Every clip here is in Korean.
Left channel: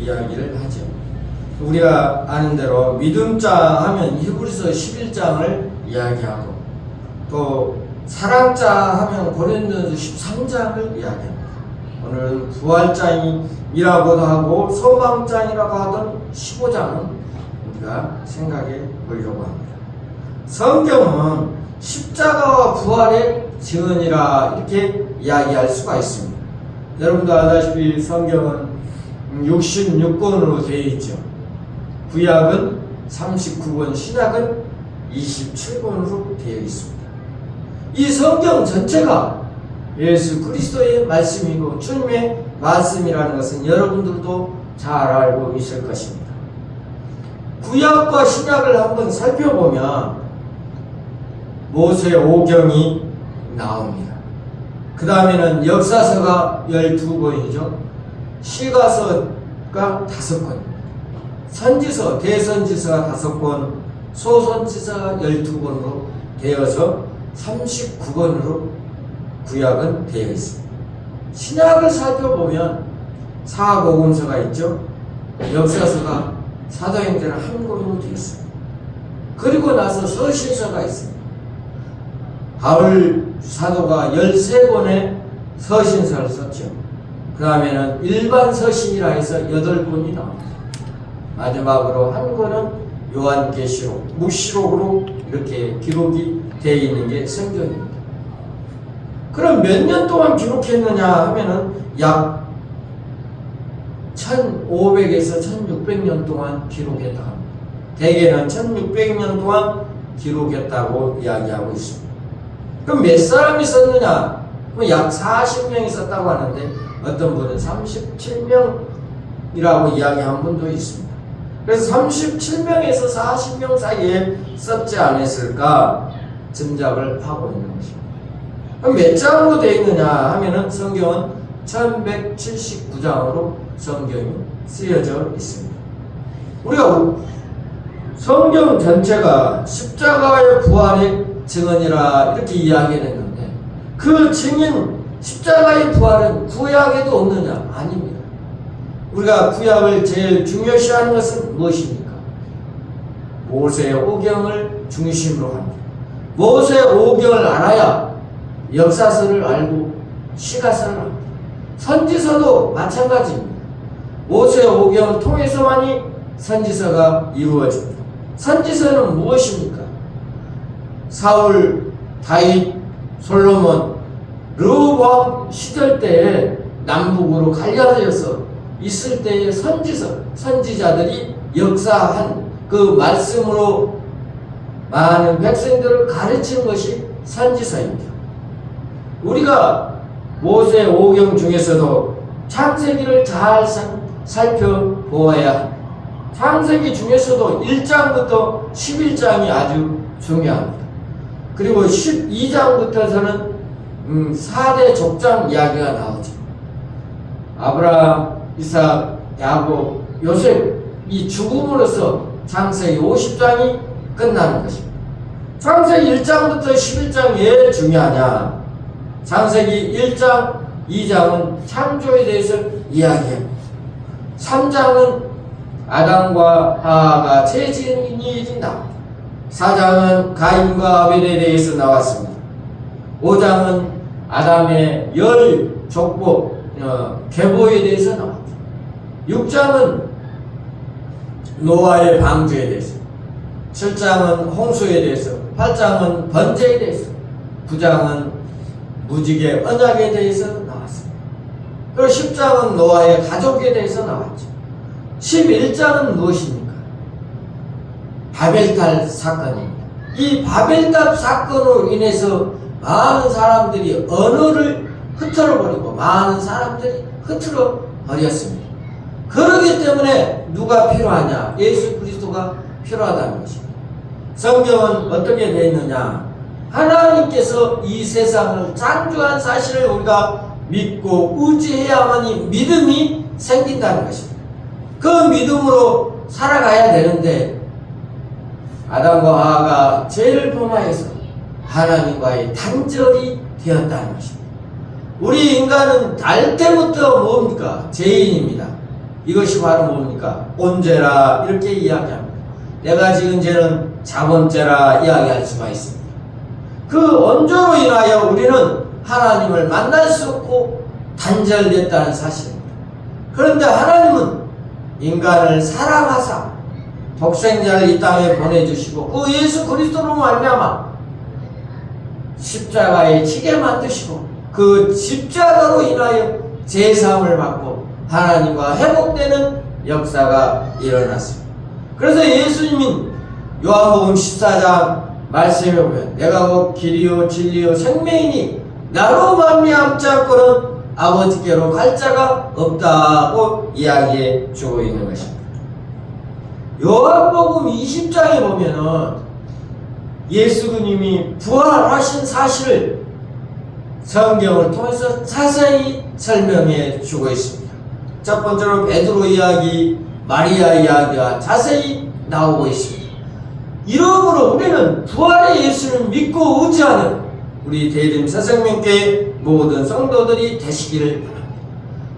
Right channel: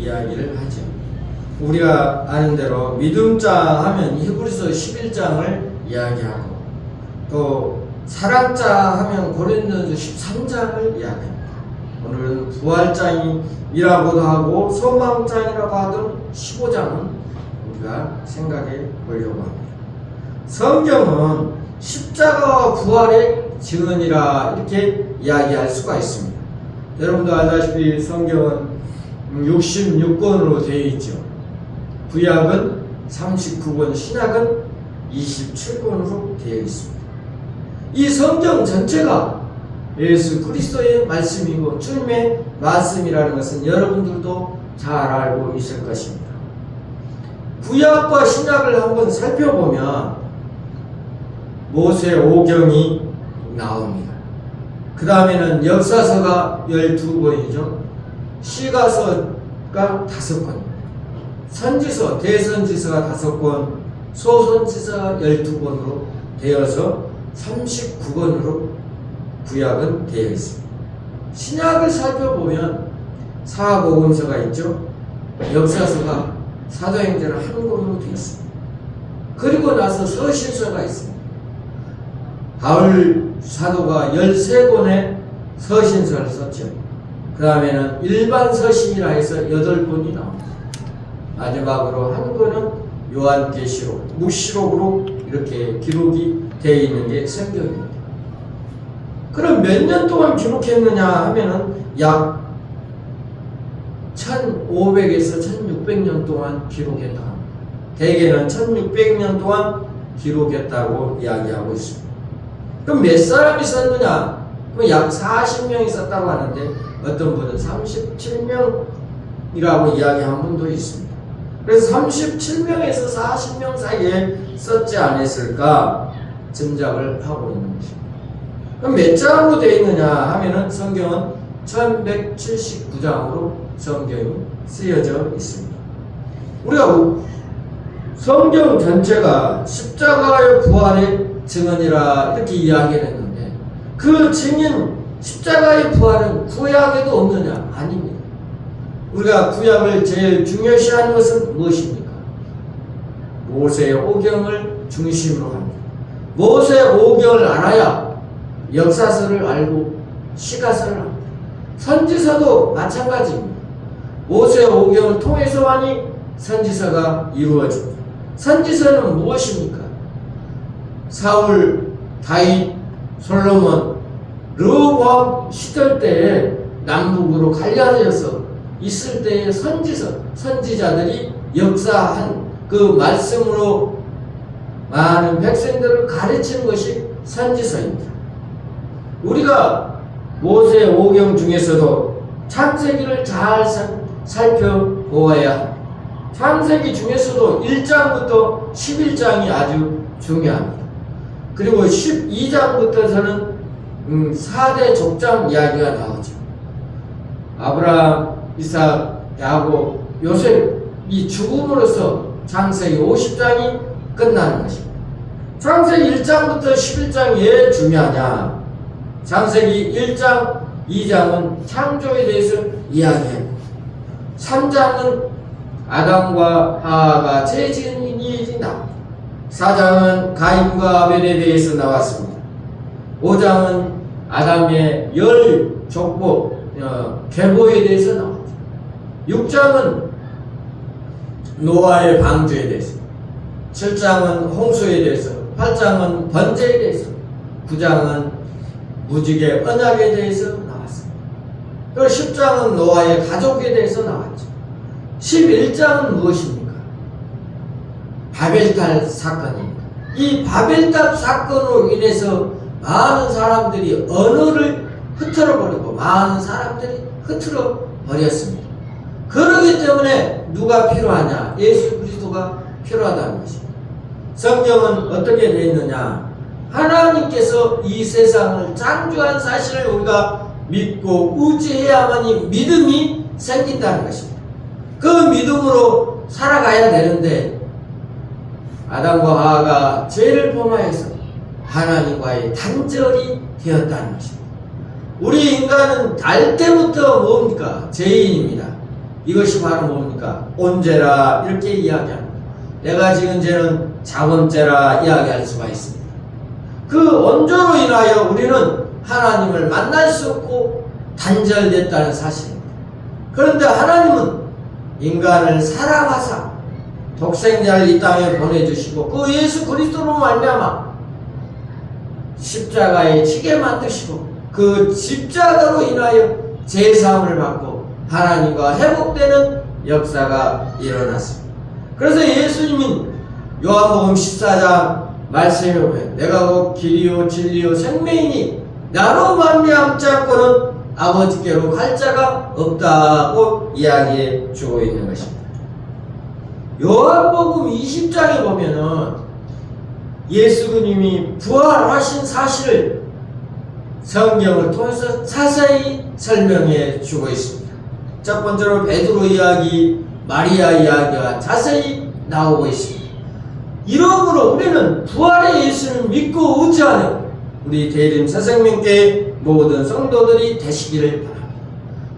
이야기를 하죠. 우리가 아는 대로 믿음자 하면 히브리서 11장을 이야기하고, 또 사랑자 하면 고린도전서 13장을 이야기합니다. 오늘은 부활장이라고도 하고 소망장이라고 하던 15장은 우리가 생각해 보려고 합니다. 성경은 십자가와 부활의 증언이라 이렇게 이야기할 수가 있습니다. 여러분도 알다시피 성경은 66권으로 되어 있죠. 구약은 39권, 신약은 27권으로 되어 있습니다. 이 성경 전체가 예수 그리스도의 말씀이고 주님의 말씀이라는 것은 여러분들도 잘 알고 있을 것입니다. 구약과 신약을 한번 살펴보면 모세 오경이 나옵니다. 그 다음에는 역사서가 12권이죠. 시가서가 5권, 선지서, 대선지서가 5권, 소선지서가 12권으로 되어서 39권으로 구약은 되어 있습니다. 신약을 살펴보면 사복음서가 있죠. 역사서가 사도행전 한 권으로 되어 있습니다. 그리고 나서 서신서가 있습니다. 바울 사도가 13권의 서신서를 썼죠. 그 다음에는 일반 서신이라 해서 8권이 나옵니다. 마지막으로 한 권은 요한계시록, 묵시록으로 이렇게 기록이 되어 있는 게 성경입니다. 그럼 몇 년 동안 기록했느냐 하면은 약 1500에서 1600년 동안 기록했다 합니다. 대개는 1600년 동안 기록했다고 이야기하고 있습니다. 그럼 몇 사람이 썼느냐? 그럼 약 40명이 썼다고 하는데 어떤 분은 37명이라고 이야기한 분도 있습니다. 그래서 37명에서 40명 사이에 썼지 않았을까 짐작을 하고 있는 것입니다. 그럼 몇 장으로 되어 있느냐 하면은 성경은 1179장으로 성경이 쓰여져 있습니다. 우리가 성경 전체가 십자가의 부활의 증언이라 이렇게 이야기했는데 그 증인 십자가의 부활은 구약에도 없느냐? 아닙니다. 우리가 구약을 제일 중요시하는 것은 무엇입니까? 모세의 오경을 중심으로 합니다. 모세의 오경을 알아야 역사서를 알고 시가서를 합니다. 선지서도 마찬가지입니다. 모세의 오경을 통해서만이 선지서가 이루어집니다. 선지서는 무엇입니까? 사울, 다윗, 솔로몬, 르호보암 시절 때에 남북으로 갈라져서 있을 때의 선지자들이 역사한 그 말씀으로 많은 백성들을 가르치는 것이 선지서입니다. 우리가 모세 오경 중에서도 창세기를 잘 살펴보아야 합니다. 창세기 중에서도 1장부터 11장이 아주 중요합니다. 그리고 12장부터서는 4대 족장 이야기가 나오죠. 아브라함, 이삭, 야곱, 요셉이 죽음으로써 창세기 50장이 끝나는 것입니다. 창세기 1장부터 11장 왜 중요하냐? 창세기 1장, 2장은 창조에 대해서 이야기합니다. 3장은 아담과 하와가 죄 지은 일이 나옵니다. 4장은 가인과 아벨에 대해서 나왔습니다. 5장은 아담의 열 족보 계보에 대해서 나옵니다. 6장은 노아의 방주에 대해서, 7장은 홍수에 대해서, 8장은 번제에 대해서, 9장은 무지개 언약에 대해서 나왔습니다. 그리고 10장은 노아의 가족에 대해서 나왔죠. 11장은 무엇입니까? 바벨탑 사건입니다. 이 바벨탑 사건으로 인해서 많은 사람들이 언어를 흐트러버리고 많은 사람들이 흐트러버렸습니다. 그렇기 때문에 누가 필요하냐? 예수 그리스도가 필요하다는 것입니다. 성경은 어떻게 되어 있느냐? 하나님께서 이 세상을 창조한 사실을 우리가 믿고 의지해야만이 믿음이 생긴다는 것입니다. 그 믿음으로 살아가야 되는데 아담과 하와가 죄를 범하여서 하나님과의 단절이 되었다는 것입니다. 우리 인간은 날 때부터 뭡니까? 죄인입니다. 이것이 바로 뭡니까? 온죄라 이렇게 이야기합니다. 내가 지은 죄는 자범죄라 이야기할 수가 있습니다. 그 온죄로 인하여 우리는 하나님을 만날 수 없고 단절됐다는 사실입니다. 그런데 하나님은 인간을 사랑하사 독생자를 이 땅에 보내주시고 그 예수 그리스도로 말미암아 십자가에 지게 만드시고 그 십자가로 인하여 제사함을 받고 하나님과 회복되는 역사가 일어났습니다. 그래서 예수님이 요한복음 14장 말씀에 보면 내가 곧 길이요 진리요 생명이니 나로 말미암지 않고는 아버지께로 갈 자가 없다고 이야기해 주고 있는 것입니다. 요한복음 20장에 보면은 예수님이 부활하신 사실을 성경을 통해서 자세히 설명해 주고 있습니다. 첫 번째로 베드로 이야기, 마리아 이야기가 자세히 나오고 있습니다. 이러므로 우리는 부활의 예수를 믿고 의지하는 우리 대림 새생명교회 모든 성도들이 되시기를 바랍니다.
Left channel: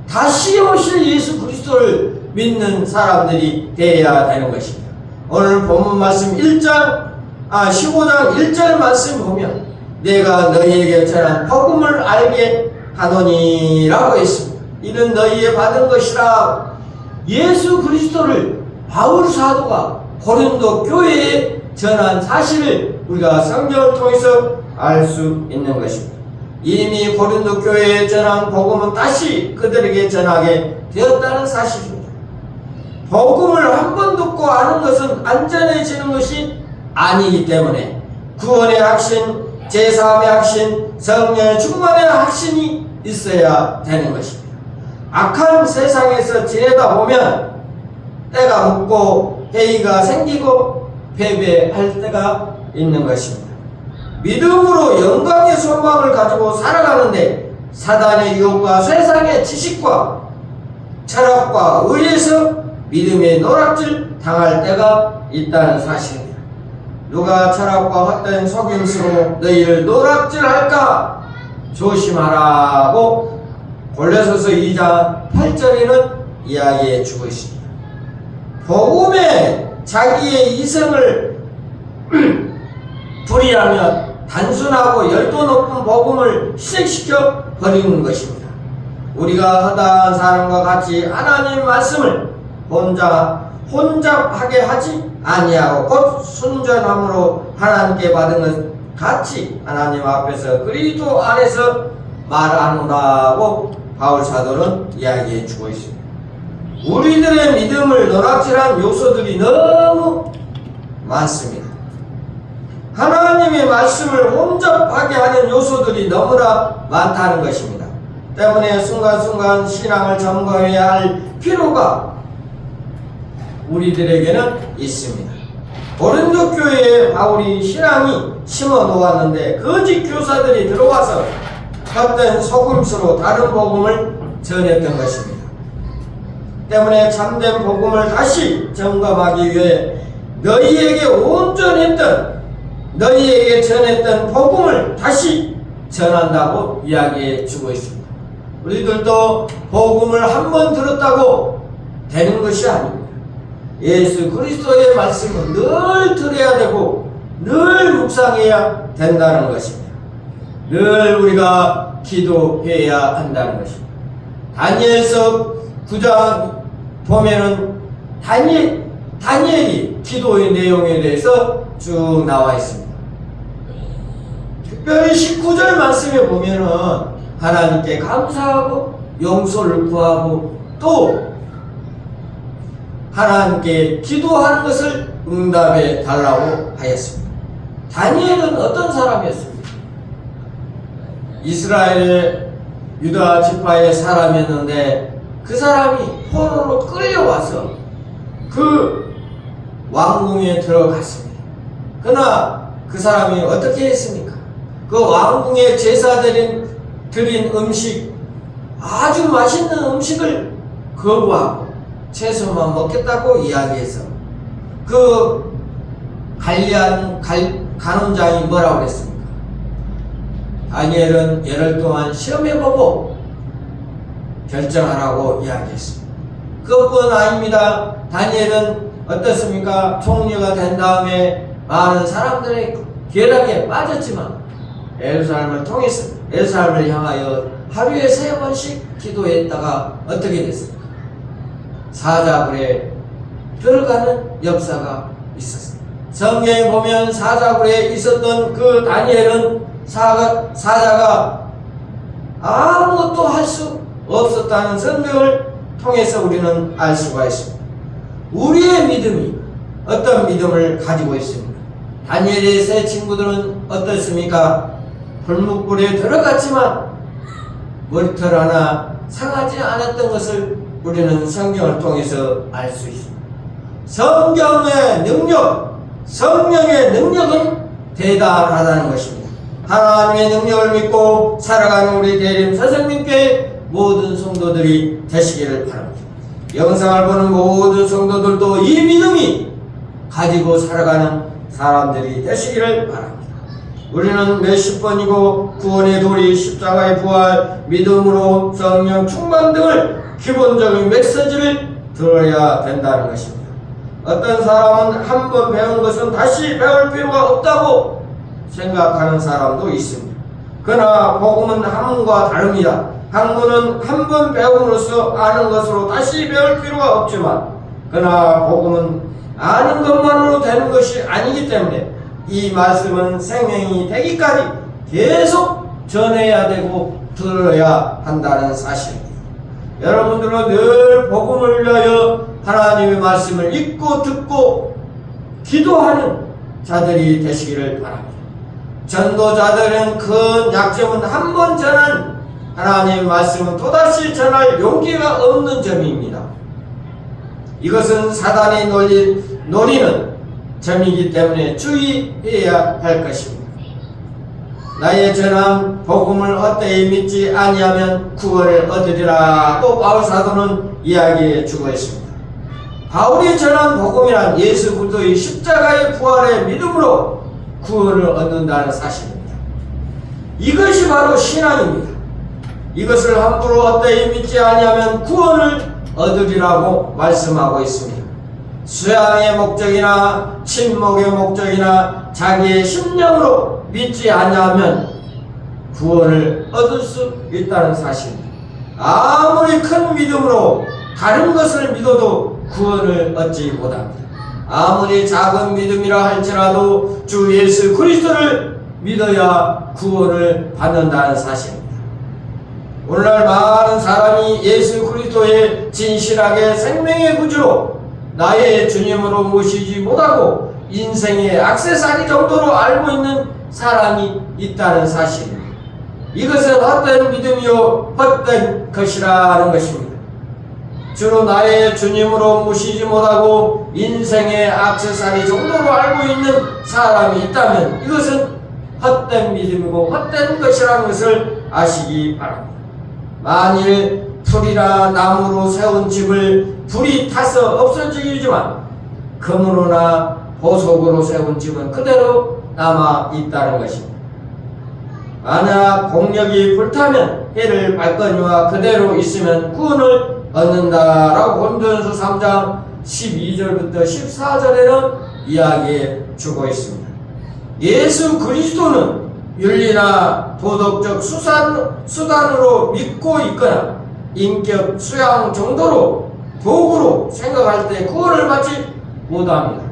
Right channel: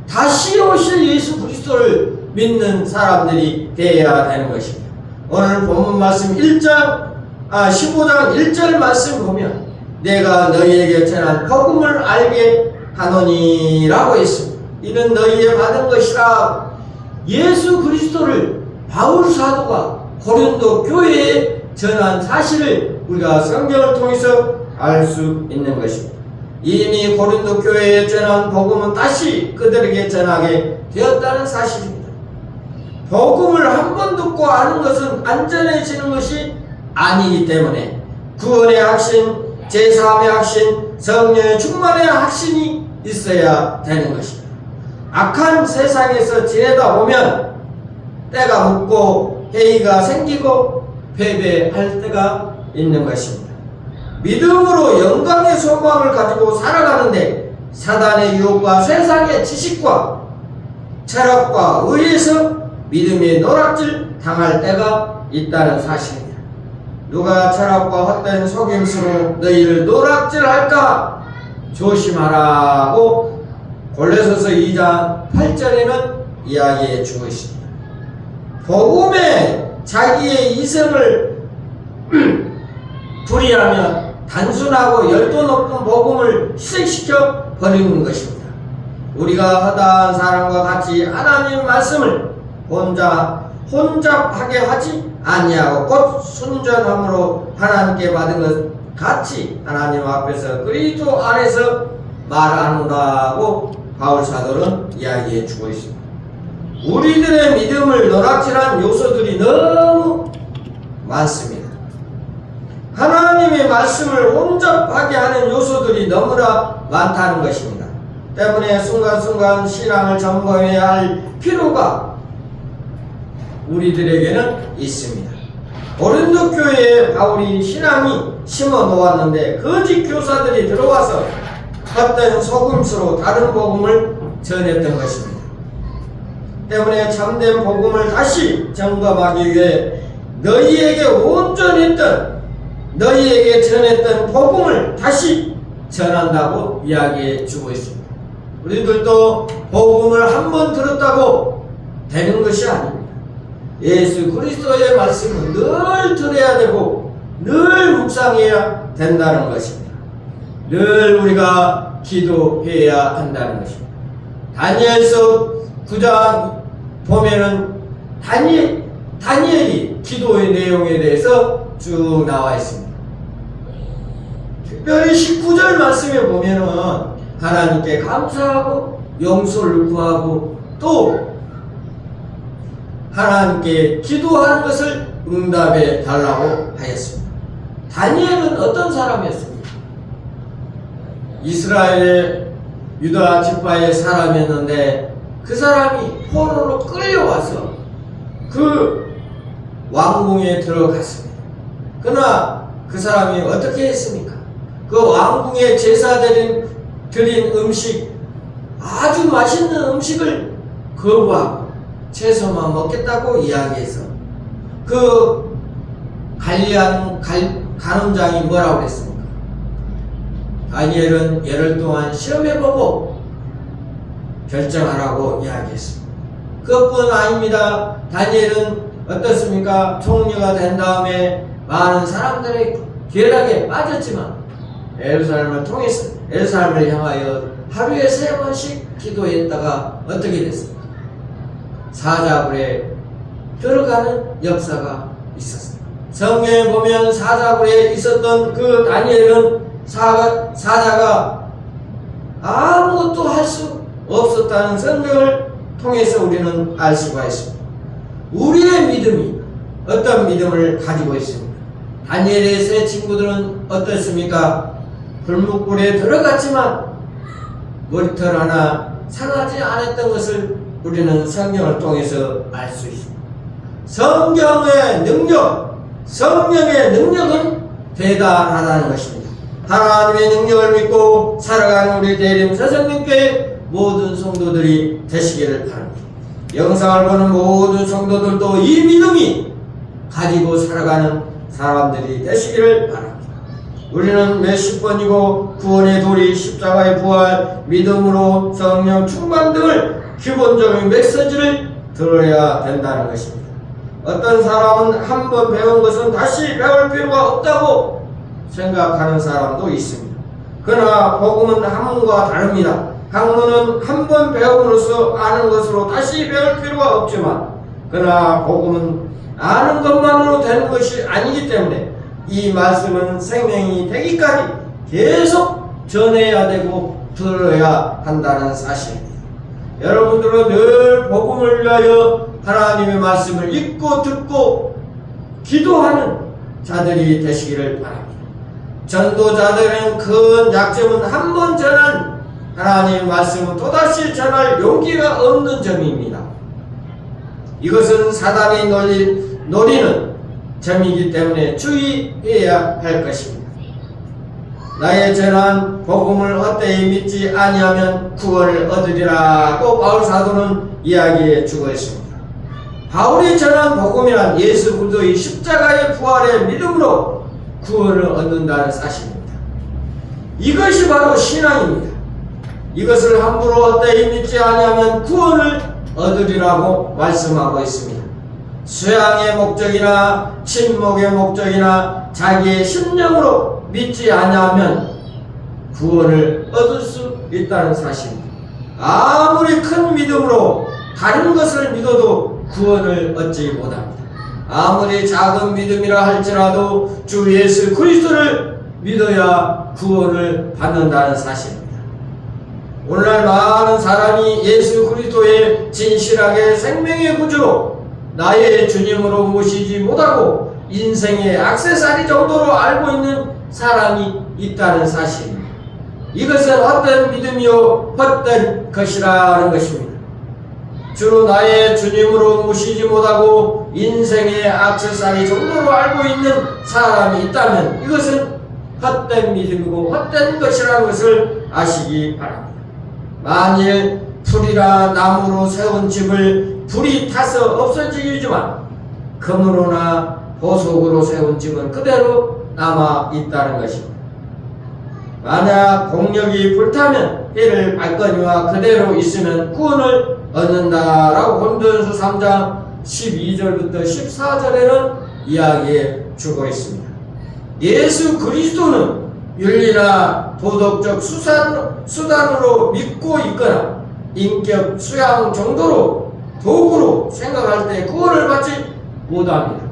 다시 오실 예수 그리스도를 믿는 사람들이 되어야 되는 것입니다. 오늘 본문 말씀 15장 1절 말씀 보면 내가 너희에게 전한 복음을 알게 하노니라고 했습니다. 이는 너희의 받은 것이라. 예수 그리스도를 바울 사도가 고린도 교회에 전한 사실을 우리가 성경을 통해서 알 수 있는 것입니다. 이미 고린도 교회에 전한 복음은 다시 그들에게 전하게 되었다는 사실입니다. 복음을 한 번 듣고 아는 것은 안전해지는 것이 아니기 때문에 구원의 확신, 제사함의 확신, 성령의 충만의 확신이 있어야 되는 것입니다. 악한 세상에서 지내다 보면 때가 묻고 회의가 생기고 패배할 때가 있는 것입니다. 믿음으로 영광의 소망을 가지고 살아가는데 사단의 유혹과 세상의 지식과 철학과 의에서 믿음의 노략질 당할 때가 있다는 사실입니다. 누가 철학과 헛된 속임수로 너희를 노략질할까 조심하라고 골로새서 2장 8절에는 이야기해 주고 있습니다. 복음에 자기의 이성을 불이하면 단순하고 열도 높은 복음을 희생시켜 버리는 것입니다. 우리가 허다한 사람과 같이 하나님의 말씀을 혼잡하게 하지 아니하고 곧 순전함으로 하나님께 받은 것 같이 하나님 앞에서 그리스도 안에서 말하노라고 바울 사도는 이야기해 주고 있습니다. 우리들의 믿음을 노락질한 요소들이 너무 많습니다. 하나님의 말씀을 혼잡하게 하는 요소들이 너무나 많다는 것입니다. 때문에 순간순간 신앙을 점검해야 할 필요가 우리들에게는 있습니다. 고린도 교회에 바울이 신앙이 심어 놓았는데 거짓 교사들이 들어와서 헛된 속임수로 다른 복음을 전했던 것입니다. 때문에 참된 복음을 다시 점검하기 위해 너희에게 온전했던 너희에게 전했던 복음을 다시 전한다고 이야기해 주고 있습니다. 우리들도 복음을 한 번 들었다고 되는 것이 아닙니다. 예수 그리스도의 말씀은 늘 들어야 되고 늘 묵상해야 된다는 것입니다. 늘 우리가 기도해야 한다는 것입니다. 다니엘서 9장 보면은 다니엘이 기도의 내용에 대해서 쭉 나와 있습니다. 특별히 19절 말씀에 보면은 하나님께 감사하고 용서를 구하고 또 하나님께 기도하는 것을 응답해 달라고 하였습니다. 다니엘은 어떤 사람이었습니까? 이스라엘의 유다 지파의 사람이었는데 그 사람이 포로로 끌려와서 그 왕궁에 들어갔습니다. 그러나 그 사람이 어떻게 했습니까? 그 왕궁에 제사드린 음식, 아주 맛있는 음식을 거부하고 채소만 먹겠다고 이야기해서 그 간원장이 뭐라고 그랬습니까? 다니엘은 열흘 동안 시험해보고 결정하라고 이야기했습니다. 그것뿐 아닙니다. 다니엘은 어떻습니까? 총리가 된 다음에 많은 사람들의 괴락에 빠졌지만 예루살렘을 통해서 예루살렘을 향하여 하루에 3번씩 기도했다가 어떻게 됐습니까? 사자굴에 들어가는 역사가 있었습니다. 성경에 보면 사자굴에 있었던 그 다니엘은 사자가 아무것도 할 수 없었다는 성경을 통해서 우리는 알 수가 있습니다. 우리의 믿음이 어떤 믿음을 가지고 있습니까? 다니엘의 세 친구들은 어떻습니까? 불묵불에 들어갔지만 머리털 하나 상하지 않았던 것을 우리는 성경을 통해서 알 수 있습니다. 성경의 능력, 성령의 능력은 대단하다는 것입니다. 하나님의 능력을 믿고 살아가는 우리 대림 선생님께 모든 성도들이 되시기를 바랍니다. 영상을 보는 모든 성도들도 이 믿음이 가지고 살아가는 사람들이 되시기를 바랍니다. 우리는 몇십 번이고 구원의 도리, 십자가의 부활, 믿음으로 성령 충만 등을 기본적인 메시지를 들어야 된다는 것입니다. 어떤 사람은 한 번 배운 것은 다시 배울 필요가 없다고 생각하는 사람도 있습니다. 그러나 복음은 학문과 다릅니다. 학문은 한 번 배움으로써 아는 것으로 다시 배울 필요가 없지만, 그러나 복음은 아는 것만으로 되는 것이 아니기 때문에 이 말씀은 생명이 되기까지 계속 전해야 되고 들어야 한다는 사실입니다. 여러분들은 늘 복음을 위하여 하나님의 말씀을 읽고 듣고 기도하는 자들이 되시기를 바랍니다. 전도자들은 큰 약점은 한 번 전한 하나님의 말씀은 또다시 전할 용기가 없는 점입니다. 이것은 사단이 노리는 점이기 때문에 주의해야 할 것입니다. 나의 전한 복음을 헛되이 믿지 아니하면 구원을 얻으리라고 바울 사도는 이야기해 주고 있습니다. 바울이 전한 복음이란 예수 그리스도의 십자가의 부활의 믿음으로 구원을 얻는다는 사실입니다. 이것이 바로 신앙입니다. 이것을 함부로 헛되이 믿지 아니하면 구원을 얻으리라고 말씀하고 있습니다. 수양의 목적이나 침묵의 목적이나 자기의 심령으로 믿지 아니하면 구원을 얻을 수 있다는 사실입니다. 아무리 큰 믿음으로 다른 것을 믿어도 구원을 얻지 못합니다. 아무리 작은 믿음이라 할지라도 주 예수 그리스도를 믿어야 구원을 받는다는 사실입니다. 오늘날 많은 사람이 예수 그리스도의 진실하게 생명의 구주로 나의 주님으로 모시지 못하고 인생의 액세서리 정도로 알고 있는 사람이 있다는 사실입니다. 이것은 헛된 믿음이요 헛된 것이라는 것입니다. 주로 나의 주님으로 모시지 못하고 인생의 액세서리 정도로 알고 있는 사람이 있다면 이것은 헛된 믿음이고 헛된 것이라는 것을 아시기 바랍니다. 만일 풀이나 나무로 세운 집을 불이 타서 없어지지만 금으로나 보석으로 세운 집은 그대로 남아 있다는 것입니다. 만약 공력이 불타면 해를 발거니와 그대로 있으면 구원을 얻는다라고 고린도전서 3장 12절부터 14절에는 이야기해 주고 있습니다. 예수 그리스도는 윤리나 도덕적 수단으로 믿고 있거나 인격 수양 정도로 도구로 생각할 때 구원을 받지 못합니다.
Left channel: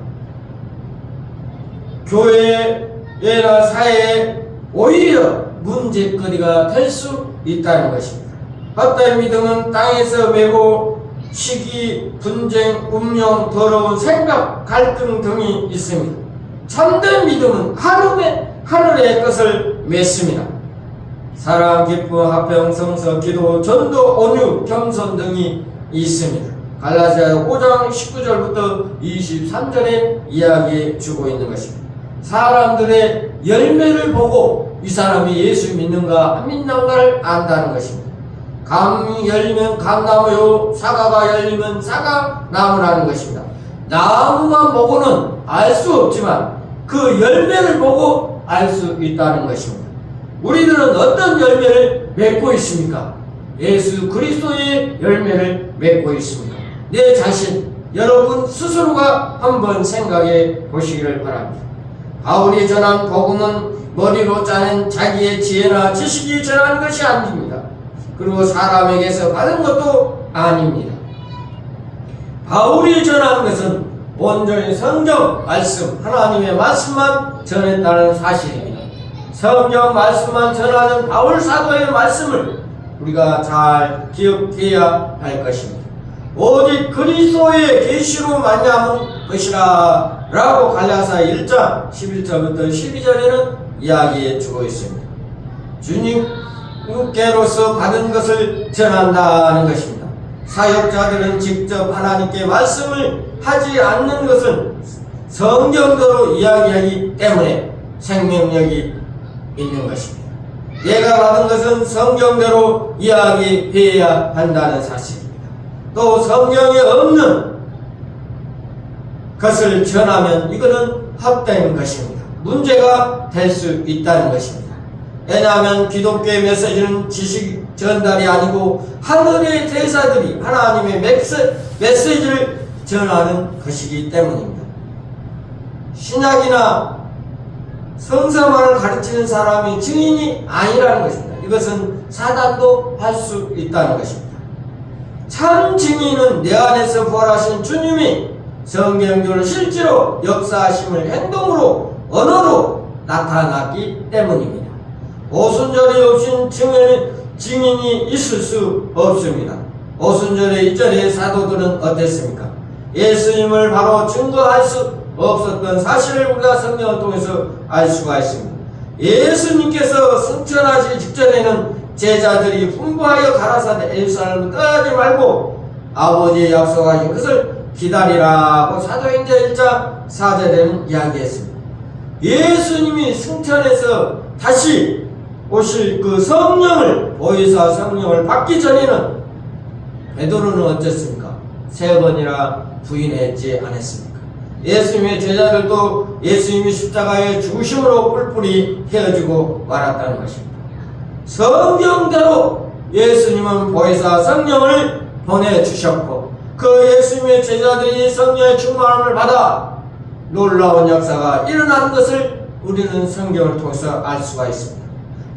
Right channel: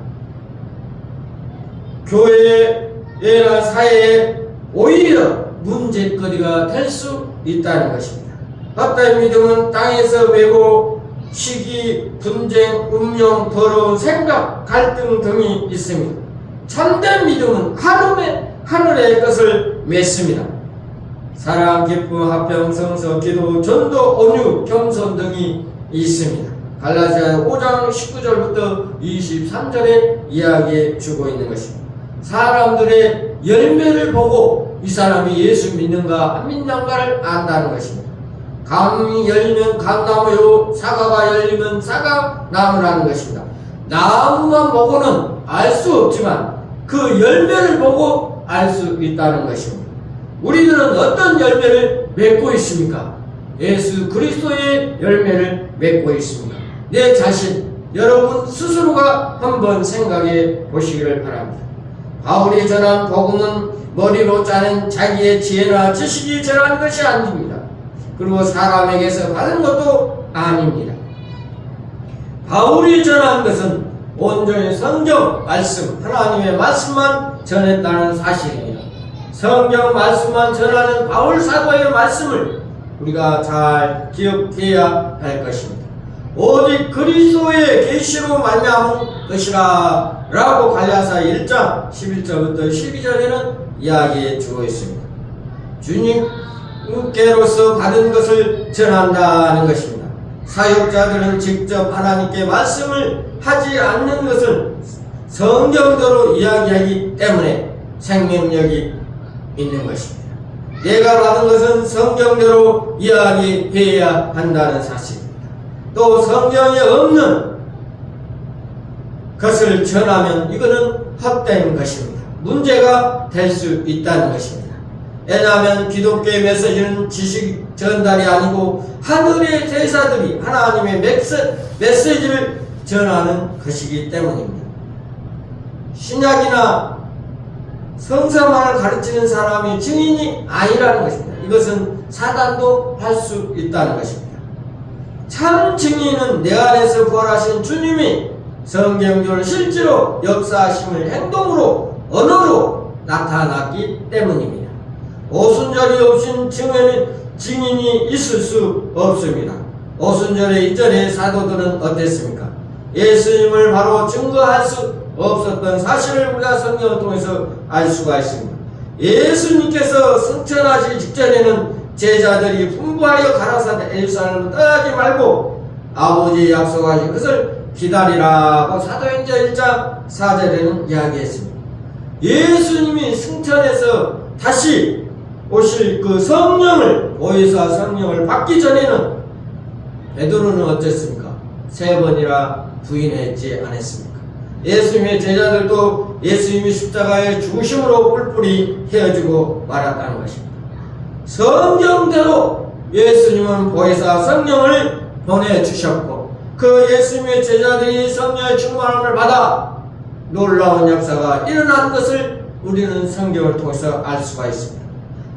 교회나 사회에 오히려 문제거리가 될 수 있다는 것입니다. 헛된 믿음은 땅에서 메고 시기, 분쟁, 운명, 더러운 생각, 갈등 등이 있습니다. 참된 믿음은 하늘의 것을 맺습니다. 사랑, 기쁨, 화평, 성서, 기도, 전도, 온유, 겸손 등이 있습니다. 갈라디아 5장 19절부터 23절에 이야기해 주고 있는 것입니다. 사람들의 열매를 보고 이 사람이 예수 믿는가 안 믿는가를 안다는 것입니다. 감이 열리면 감나무요, 사과가 열리면 사과나무라는 것입니다. 나무만 보고는 알 수 없지만 그 열매를 보고 알 수 있다는 것입니다. 우리들은 어떤 열매를 맺고 있습니까? 예수 그리스도의 열매를 맺고 있습니다. 내 자신, 여러분 스스로가 한번 생각해 보시기를 바랍니다. 바울이 전한 복음은 머리로 짜는 자기의 지혜나 지식이 전한 것이 아닙니다. 그리고 사람에게서 받은 것도 아닙니다. 바울이 전한 것은 온전히 성경 말씀, 하나님의 말씀만 전했다는 사실입니다. 성경 말씀만 전하는 바울 사도의 말씀을 우리가 잘 기억해야 할 것입니다. 오직 그리스도의 계시로 말미암은 것이라 라고 갈라디아 1장 11절부터 12절에는 이야기해 주고 있습니다. 주님께로서 받은 것을 전한다는 것입니다. 사역자들은 직접 하나님께 말씀을 하지 않는 것을 성경대로 이야기하기 때문에 생명력이 있는 것입니다. 내가 받은 것은 성경대로 이야기해야 한다는 사실입니다. 또 성경에 없는 것을 전하면 이거는 헛된 것입니다. 문제가 될 수 있다는 것입니다. 왜냐하면 기독교의 메시지는 지식 전달이 아니고 하늘의 대사들이 하나님의 메시지를 전하는 것이기 때문입니다. 신약이나 성서만을 가르치는 사람이 증인이 아니라는 것입니다. 이것은 사단도 할 수 있다는 것입니다. 참 증인은 내 안에서 부활하신 주님이 성경적으로 실제로 역사하심을 행동으로 언어로 나타났기 때문입니다. 오순절이 없인 증인이 있을 수 없습니다. 오순절의 이전의 사도들은 어땠습니까? 예수님을 바로 증거할 수 없었던 사실을 우리가 성경을 통해서 알 수가 있습니다. 예수님께서 승천하시기 직전에는 제자들이 분부하여 가라사대 예루살렘을 떠나지 말고 아버지의 약속하신 것을 기다리라고 사도행전 1장 4절에는 이야기했습니다. 예수님이 승천해서 다시 오실 그 성령을, 보혜사 성령을 받기 전에는 베드로는 어땠습니까? 3번이나 부인했지 않았습니까? 예수님의 제자들도 예수님이 십자가의 죽으심으로 뿔뿔이 헤어지고 말았다는 것입니다. 성경대로 예수님은 보혜사 성령을 보내주셨고 그 예수님의 제자들이 성령의 충만함을 받아 놀라운 역사가 일어나는 것을 우리는 성경을 통해서 알 수가 있습니다.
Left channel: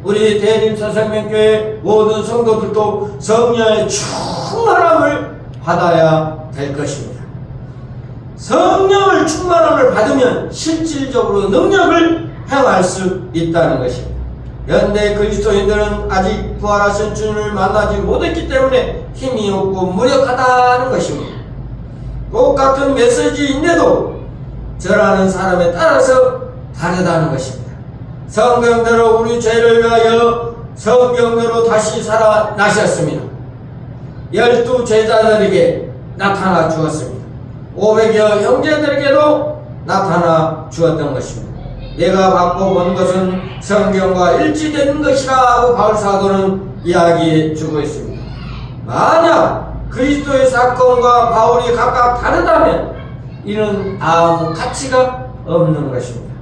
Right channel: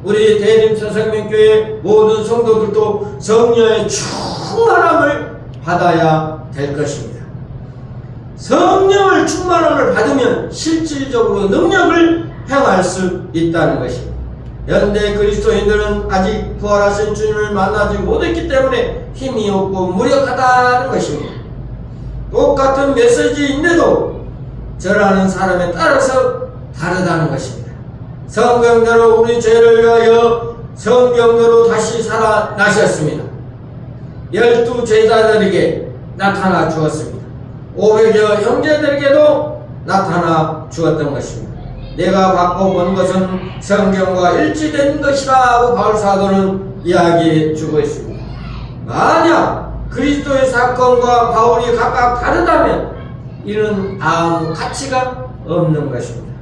우리 대림서생명교회 모든 성도들도 성령의 충만함을 받아야 될 것입니다. 성령을 충만함을 받으면 실질적으로 능력을 행할 수 있다는 것입니다. 현대 그리스도인들은 아직 부활하신 주님을 만나지 못했기 때문에 힘이 없고 무력하다는 것입니다. 똑같은 메시지인데도 전하는 사람에 따라서 다르다는 것입니다. 성경대로 우리 죄를 위하여 성경대로 다시 살아나셨습니다. 12 제자들에게 나타나 주었습니다. 500여 형제들에게도 나타나 주었던 것입니다. 내가 받고 본 것은 성경과 일치되는 것이라고 바울 사도는 이야기해 주고 있습니다. 만약 그리스도의 사건과 바울이 각각 다르다면 이는 아무 가치가 없는 것입니다.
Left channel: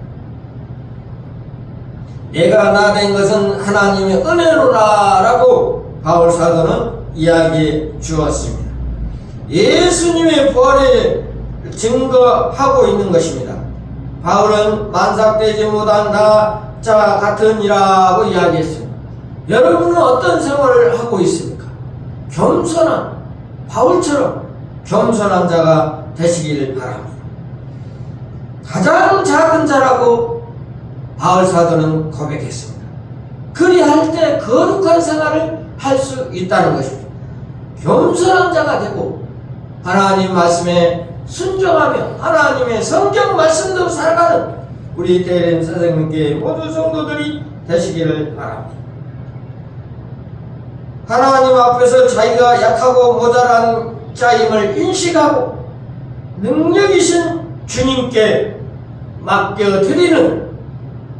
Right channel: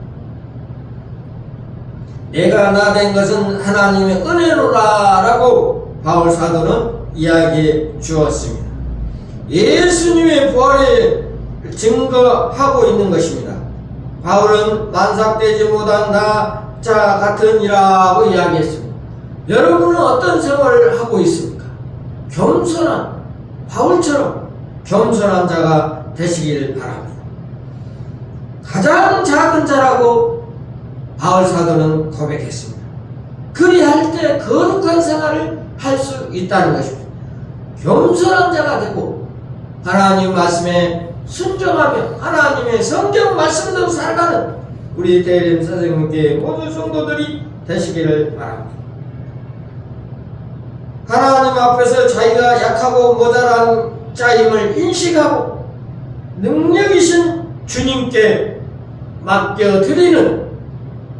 내가 나 된 것은 하나님의 은혜로라라고 바울 사도는 이야기해 주었습니다. 예수님의 부활을 증거하고 있는 것입니다. 바울은 만삭되지 못한 자 같으니라고 이야기했습니다. 여러분은 어떤 생활을 하고 있습니까? 겸손한 바울처럼 겸손한 자가 되시기를 바랍니다. 가장 작은 자라고 바울 사도는 고백했습니다. 그리할 때 거룩한 생활을 할 수 있다는 것입니다. 겸손한 자가 되고 하나님 말씀에 순종하며 하나님의 성경 말씀대로 살아가는 우리 대림 선생님께 모든 성도들이 되시기를 바랍니다. 하나님 앞에서 자기가 약하고 모자란 자임을 인식하고 능력이신 주님께 맡겨드리는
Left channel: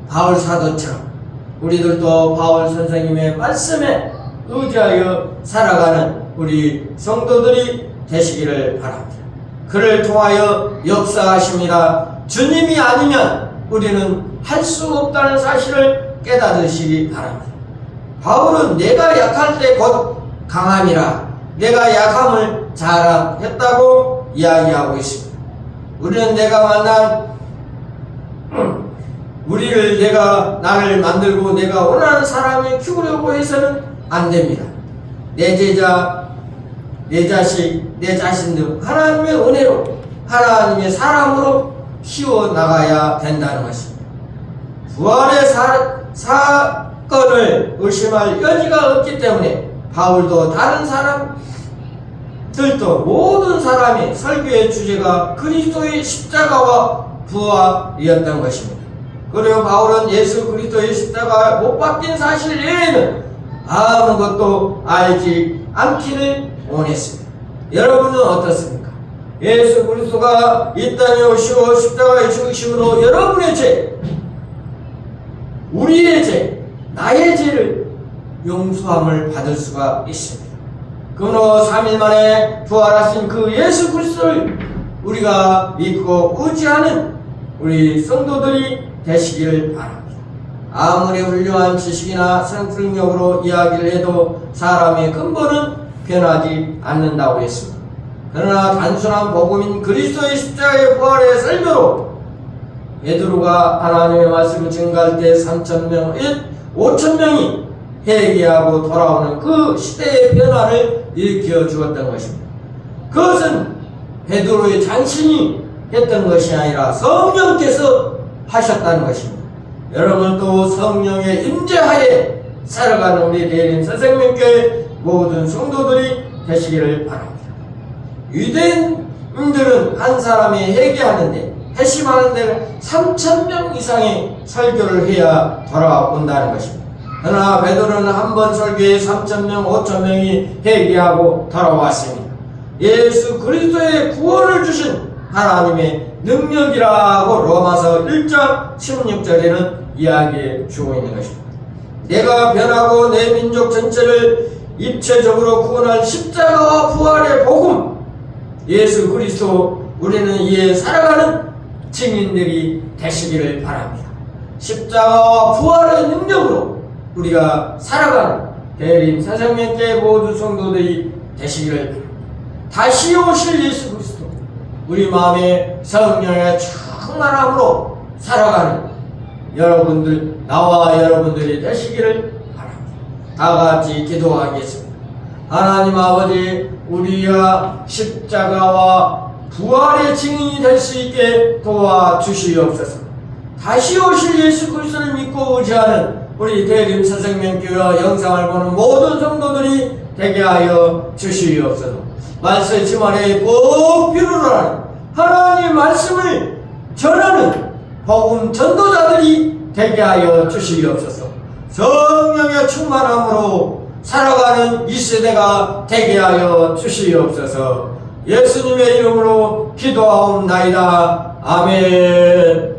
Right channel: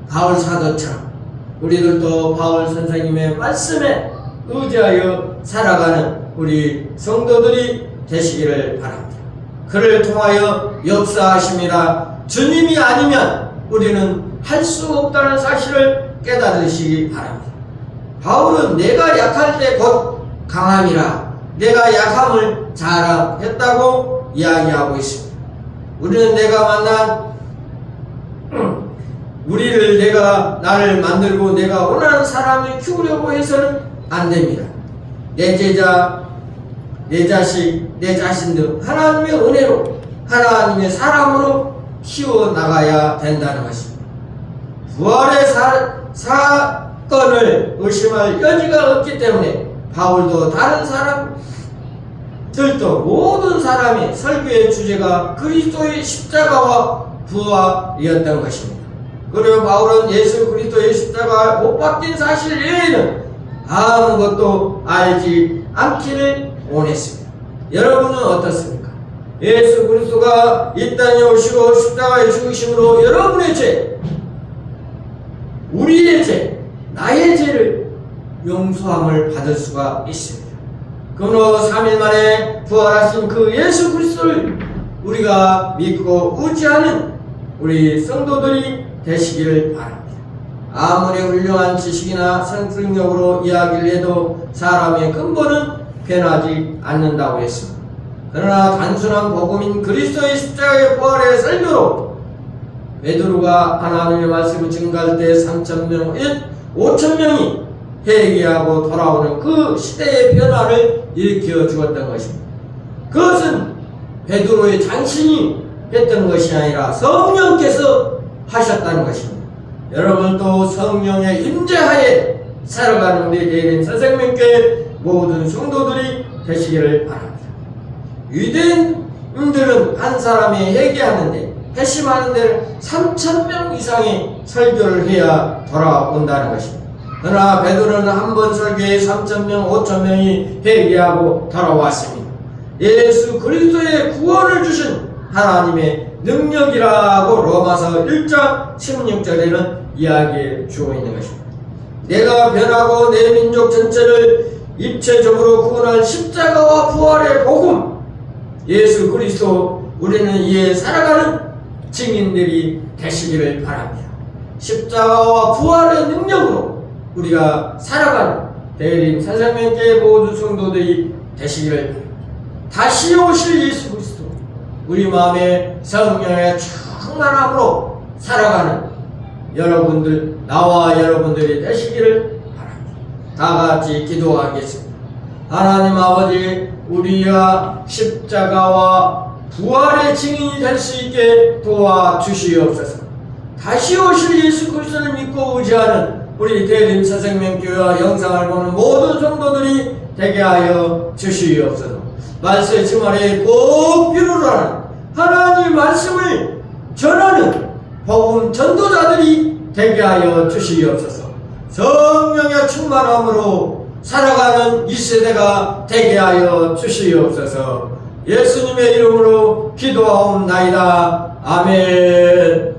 바울 사도처럼 우리들도 바울 선생님의 말씀에 의지하여 살아가는 우리 성도들이 되시기를 바랍니다. 그를 통하여 역사하십니다. 주님이 아니면 우리는 할 수 없다는 사실을 깨닫으시기 바랍니다. 바울은 내가 약할 때 곧 강함이라 내가 약함을 자랑했다고 이야기하고 있습니다. 우리는 내가 만난 나를 만들고 내가 원하는 사람을 키우려고 해서는 안 됩니다. 내 제자, 내 자식, 내 자신 등 하나님의 은혜로, 하나님의 사람으로 키워나가야 된다는 것입니다. 부활의 사건을 의심할 여지가 없기 때문에 바울도 다른 사람들도 모든 사람의 설교의 주제가 그리스도의 십자가와 부활이었던 것입니다. 그리고 바울은 예수 그리스도의 십자가 못 박힌 사실 외에는 아무것도 알지 않기를 원했습니다. 여러분은 어떻습니까? 예수 그리스도가 이 땅에 오시고 십자가에 죽으심으로 여러분의 죄, 우리의 죄, 나의 죄를 용서함을 받을 수가 있습니다. 그러므로 3일 만에 부활하신 그 예수 그리스도를 우리가 믿고 의지하는 우리 성도들이 되시기를 바랍니다. 아무리 훌륭한 지식이나 성품력으로 이야기를 해도 사람의 근본은 변하지 않는다고 했습니다. 그러나 단순한 복음인 그리스도의 십자가의 부활의 설교로 베드로가 하나님의 말씀을 증거할 때 3,000명, 5,000명이 회개하고 돌아오는 그 시대의 변화를 일으켜 주었던 것입니다. 그것은 베드로의 장신이 했던 것이 아니라 성령께서 하셨다는 것입니다. 여러분도 성령의 임재하에 살아가는 우리 대림 새생명교회 모든 성도들이 되시기를 바랍니다. 유대인들은 한 사람이 회개하는데 회심하는 데는 3,000명 이상의 설교를 해야 돌아온다는 것입니다. 그러나 베드로는 한 번 설교에 3,000명, 5,000명이 회개하고 돌아왔습니다. 예수 그리스도의 구원을 주신 하나님의 능력이라고 로마서 1장 16절에는 이야기해 주고 있는 것입니다. 내가 변하고 내 민족 전체를 입체적으로 구원할 십자가와 부활의 복음, 예수 그리스도, 우리는 이에 살아가는 증인들이 되시기를 바랍니다. 십자가와 부활의 능력으로 우리가 살아가는 대림 새생명교회 모든 성도들이 되시기를 바랍니다. 다시 오실 예수 그리스도, 우리 마음에 성령의 충만함으로 살아가는 여러분들, 나와 여러분들이 되시기를 바랍니다. 다 같이 기도하겠습니다. 하나님 아버지, 우리가 십자가와 부활의 증인이 될 수 있게 도와주시옵소서. 다시 오실 예수 그리스도를 믿고 의지하는 우리 대림 새생명교회와 영상을 보는 모든 성도들이 되게 하여 주시옵소서. 말씀의 주말에 꼭 필요로 하나님의 말씀을 전하는 복음 전도자들이 되게 하여 주시옵소서. 성령의 충만함으로 살아가는 이 세대가 되게 하여 주시옵소서. 예수님의 이름으로 기도하옵나이다. 아멘.